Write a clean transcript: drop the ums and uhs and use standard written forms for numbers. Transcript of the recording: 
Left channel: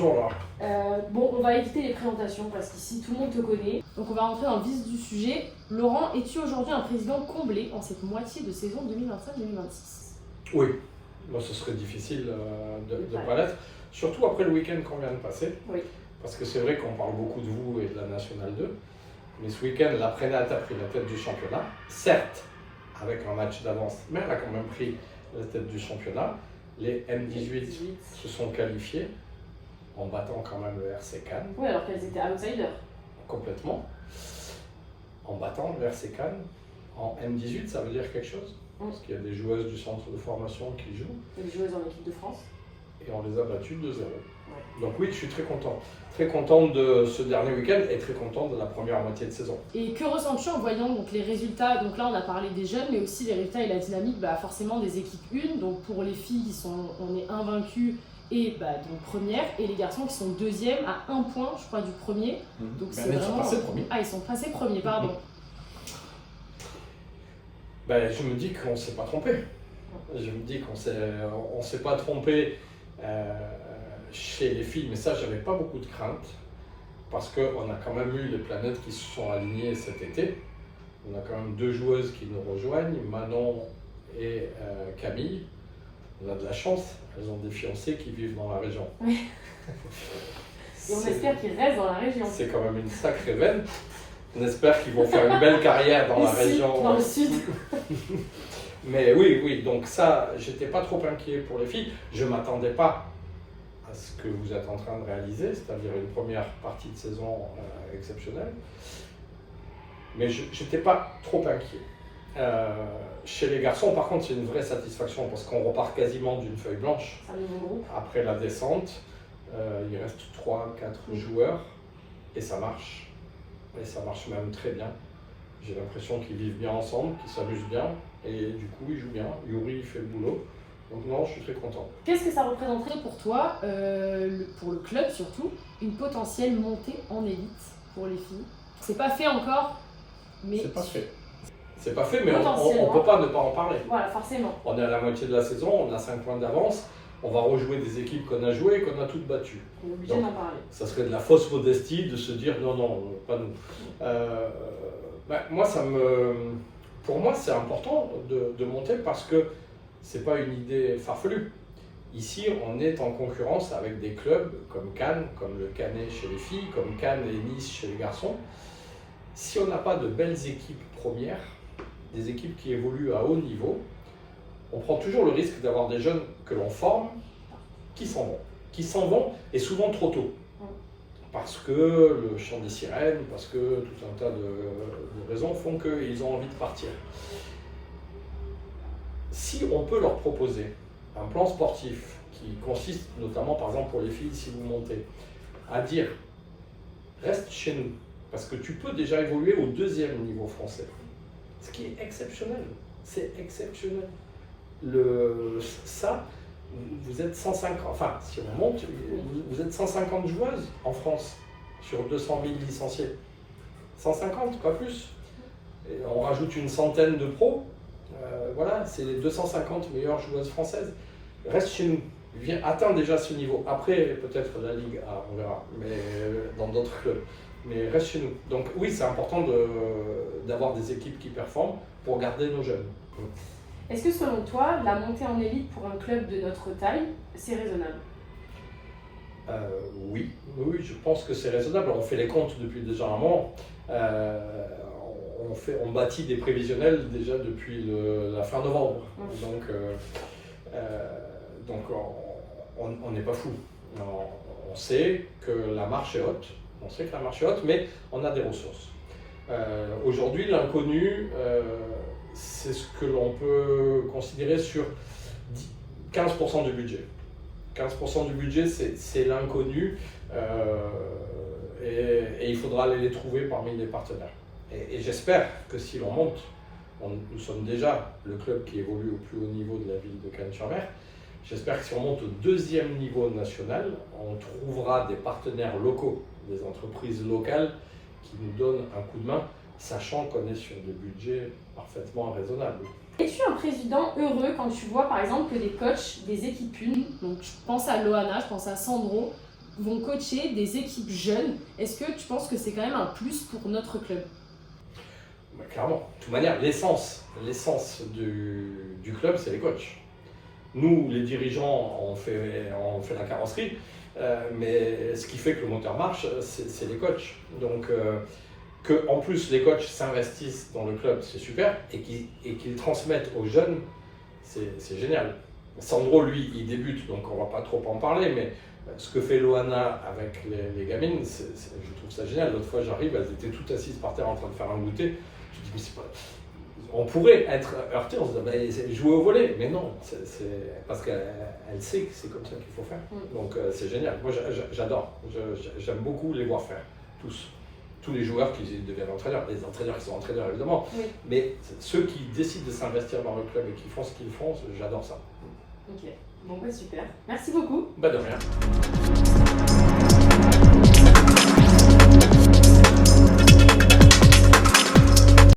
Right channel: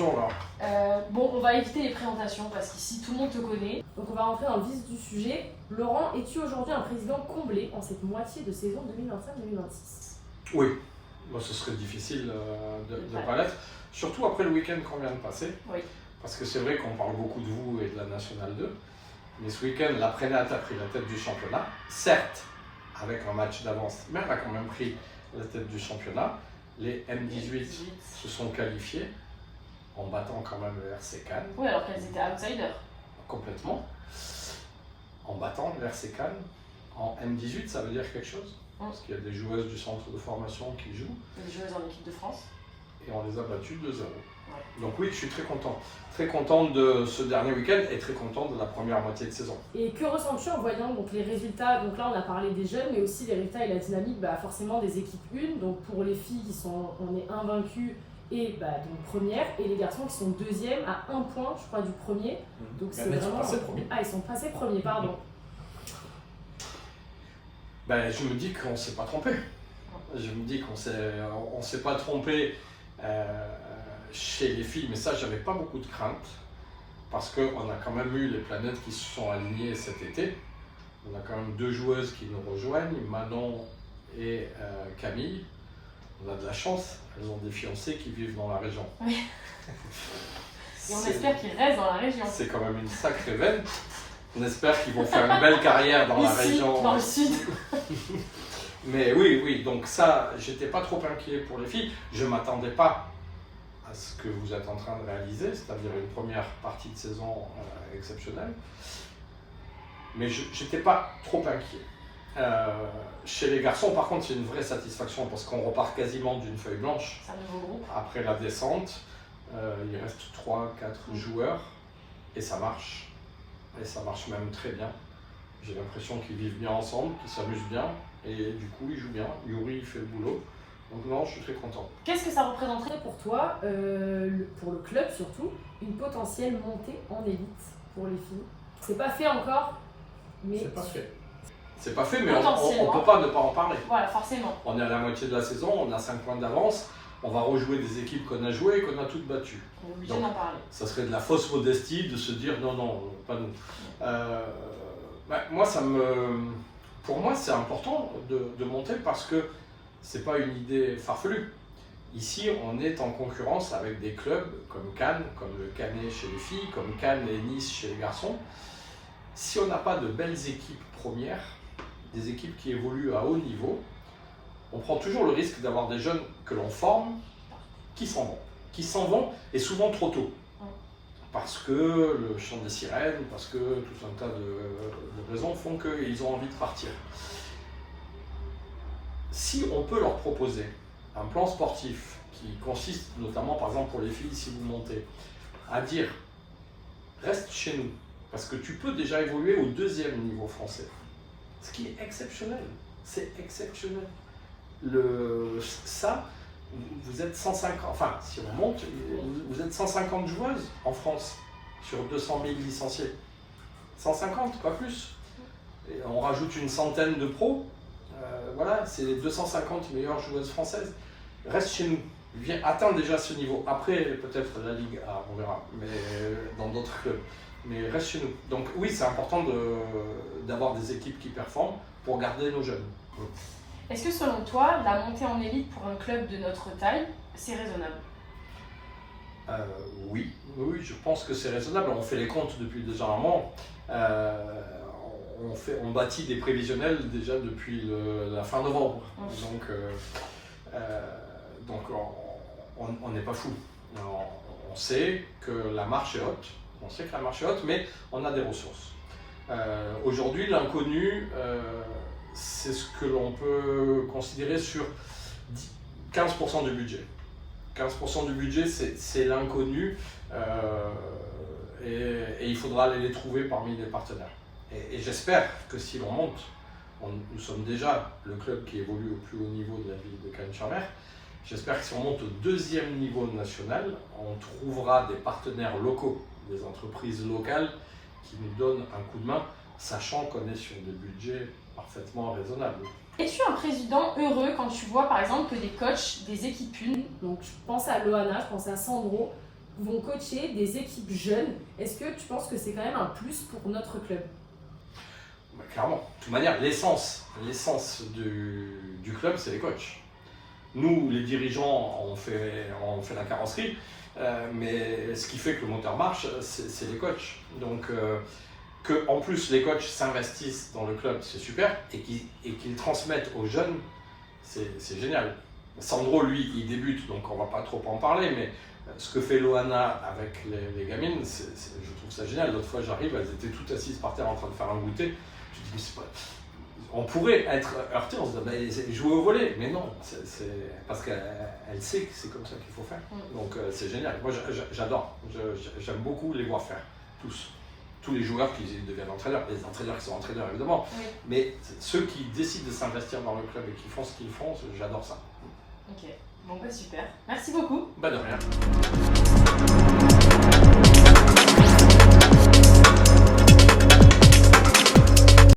bonjour Laura. Bon, on va éviter les présentations parce qu'ici tout le monde te connaît. Donc on va rentrer dans le vif du sujet. Laurent, es-tu aujourd'hui un président comblé en cette moitié de saison 2025-2026? Oui, moi ce serait difficile de ne pas l'être, surtout après le week-end qu'on vient de passer. Oui. Parce que c'est vrai qu'on parle beaucoup de vous et de la Nationale 2, mais ce week-end, la Prénat a pris la tête du championnat, certes avec un match d'avance, mais elle a quand même pris la tête du championnat. Les M18 se sont qualifiés en battant quand même le RC Cannes. Oui, alors qu'elles étaient outsiders. Complètement. En battant le RC Cannes. En M18, ça veut dire quelque chose? Parce qu'il y a des joueuses du centre de formation qui jouent. Des joueuses en équipe de France. Et on les a battues 2-0. Ouais. Donc oui, je suis très content. Très content de ce dernier week-end et très content de la première moitié de saison. Et que ressens-tu en voyant donc, les résultats? Donc là, on a parlé des jeunes, mais aussi les résultats et la dynamique forcément des équipes 1. Donc pour les filles, on est invaincues et donc première, et les garçons qui sont deuxième à 1 point, je crois, du premier. Donc c'est Mais vraiment. Ils sont passés premiers. Ah, ils sont passés premiers, pardon. Je me dis qu'on ne s'est pas trompé. Je me dis qu'on ne s'est pas trompé chez les filles, mais ça, j'avais pas beaucoup de crainte. Parce qu'on a quand même eu les planètes qui se sont alignées cet été. On a quand même 2 joueuses qui nous rejoignent, Manon et Camille. On a de la chance, elles ont des fiancés qui vivent dans la région. Oui. Et on espère qu'ils restent dans la région. C'est quand même une sacrée veine. On espère qu'ils vont faire une belle carrière dans la région. Dans le sud. Mais oui, donc ça, j'étais pas trop inquiet pour les filles. Je m'attendais pas à ce que vous êtes en train de réaliser, c'est-à-dire une première partie de saison exceptionnelle. Mais j'étais pas trop inquiet. Chez les garçons, par contre, c'est une vraie satisfaction parce qu'on repart quasiment d'une feuille blanche. C'est un nouveau groupe. Après la descente, il reste 3-4 joueurs et ça marche. Et ça marche même très bien. J'ai l'impression qu'ils vivent bien ensemble, qu'ils s'amusent bien et du coup ils jouent bien. Yuri il fait le boulot. Donc non, je suis très content. Qu'est-ce que ça représenterait pour toi, pour le club surtout, une potentielle montée en élite pour les filles? C'est pas fait encore, mais... C'est pas fait. C'est pas fait, mais on ne peut pas ne pas en parler. Voilà, forcément. On est à la moitié de la saison, on a 5 points d'avance. On va rejouer des équipes qu'on a jouées et qu'on a toutes battues. On est obligé d'en parler. Ça serait de la fausse modestie de se dire non, pas nous. Pour moi, c'est important de monter parce que c'est pas une idée farfelue. Ici, on est en concurrence avec des clubs comme Cannes, comme le Canet chez les filles, comme Cannes et Nice chez les garçons. Si on n'a pas de belles équipes premières, des équipes qui évoluent à haut niveau, on prend toujours le risque d'avoir des jeunes que l'on forme qui s'en vont et souvent trop tôt. Parce que le chant des sirènes, parce que tout un tas de raisons font qu'ils ont envie de partir. Si on peut leur proposer un plan sportif qui consiste notamment, par exemple pour les filles, si vous montez, à dire reste chez nous, parce que tu peux déjà évoluer au 2e niveau français, ce qui est exceptionnel, c'est exceptionnel. Ça, vous êtes 150, enfin si on monte, vous êtes 150 joueuses en France sur 200 000 licenciés. 150, pas plus. Et on rajoute une centaine de pros. Voilà, c'est les 250 meilleures joueuses françaises. Reste chez nous. Atteins déjà ce niveau. Après, peut-être la Ligue A, on verra, mais dans d'autres clubs. Mais reste chez nous. Donc oui, c'est important d'avoir des équipes qui performent pour garder nos jeunes. Est-ce que selon toi, la montée en élite pour un club de notre taille, c'est raisonnable? Oui, je pense que c'est raisonnable. On fait les comptes depuis déjà un moment. On bâtit des prévisionnels déjà depuis la fin novembre. Donc on n'est pas fou. On sait que la marche est haute. Mais on a des ressources. Aujourd'hui, l'inconnu, c'est ce que l'on peut considérer sur 15% du budget. 15% du budget, c'est l'inconnu et il faudra aller les trouver parmi les partenaires. Et j'espère que si l'on monte, nous sommes déjà le club qui évolue au plus haut niveau de la ville de Cannes-sur-Mer, j'espère que si on monte au 2e niveau national, on trouvera des partenaires locaux, des entreprises locales qui nous donnent un coup de main, sachant qu'on est sur des budgets parfaitement raisonnables. Es-tu un président heureux quand tu vois par exemple que des coachs des équipes 1, donc je pense à Loana, je pense à Sandro, vont coacher des équipes jeunes. Est-ce que tu penses que c'est quand même un plus pour notre club? Clairement, de toute manière, l'essence du club, c'est les coachs. Nous, les dirigeants, on fait la carrosserie, mais ce qui fait que le moteur marche, c'est les coachs. Donc, que en plus les coachs s'investissent dans le club, c'est super, et qu'ils transmettent aux jeunes, c'est génial. Sandro, lui, il débute, donc on va pas trop en parler, mais ce que fait Loana avec les gamines, je trouve ça génial. L'autre fois, j'arrive, elles étaient toutes assises par terre en train de faire un goûter. Je dis, mais c'est pas... On pourrait être heurté, on se dit, bah, jouer au volley, mais non, parce qu'elle sait que c'est comme ça qu'il faut faire. Donc c'est génial. Moi, j'adore. J'aime beaucoup les voir faire, tous les joueurs qui deviennent entraîneurs, les entraîneurs qui sont entraîneurs évidemment, Oui. mais ceux qui décident de s'investir dans le club et qui font ce qu'ils font, j'adore ça. Ok, bon bah super. Merci beaucoup. Bah de rien.